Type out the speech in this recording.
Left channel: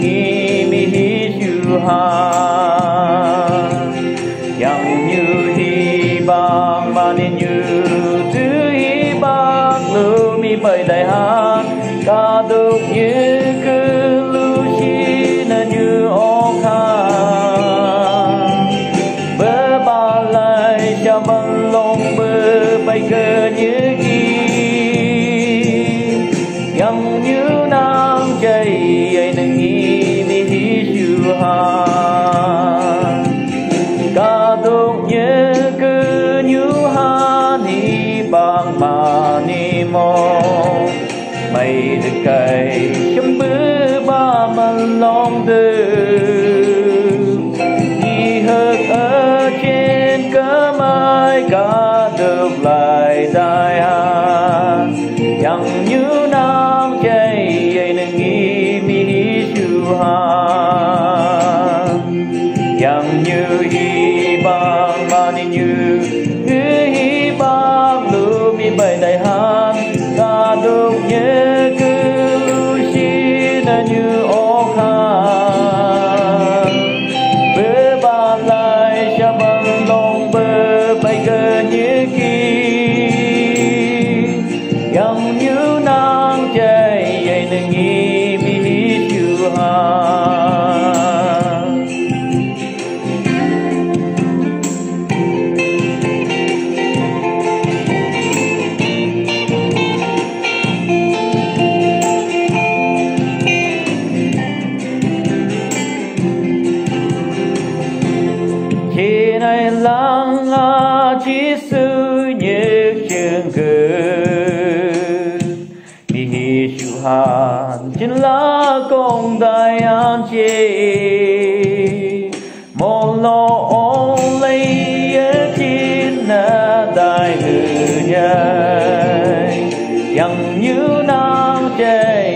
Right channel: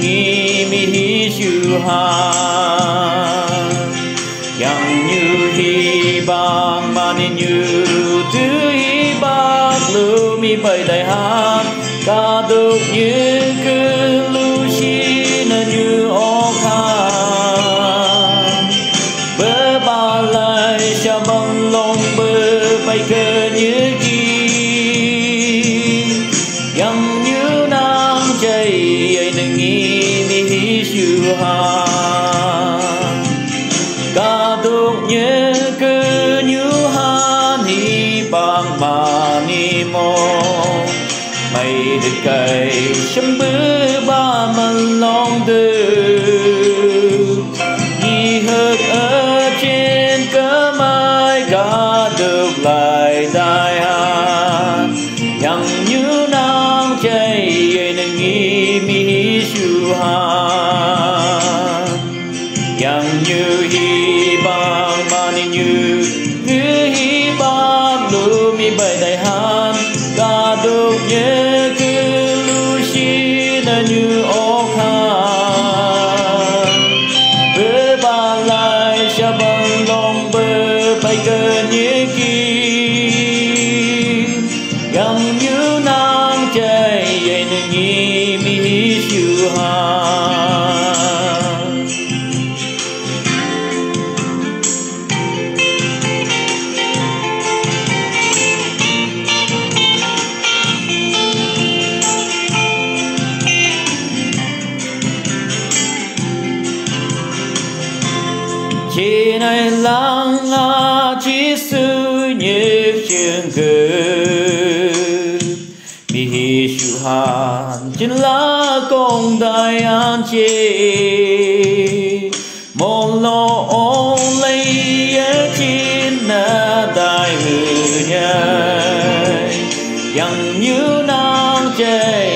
nghi mi hi chu ha yang như hi bang ma ni như tư hi bang lu mi bay đại ha ca đục như cứ lu chi na như ô ha bơ ba lại cha băng lòng bơ bay cơ như chi yang như nam chạy ai nâng nghi mi hi chu ha ca đục như cứ như ha ni bang ma ni mo mày được cày chấm bữa ba mình lòng tư nghi hơn ở trên cớ mai cả được lại đại hà yang như nam chạy nên nghi mi chu ha yang như hi ba ma ni như cứ hi ba lu mi bay đại hà ca được như cứ lu chi na như ô kha bơ ba lại cha băng lòng bơ bay cơ như kỳ yang như nam chạy dậy nên nghi mi chu ha trên này lắng là chỉ sự nhớ chương cử mi hi chu han trên lá công đại an chế một lo ôm lấy ở trên na đại người nhai yang như nam chạy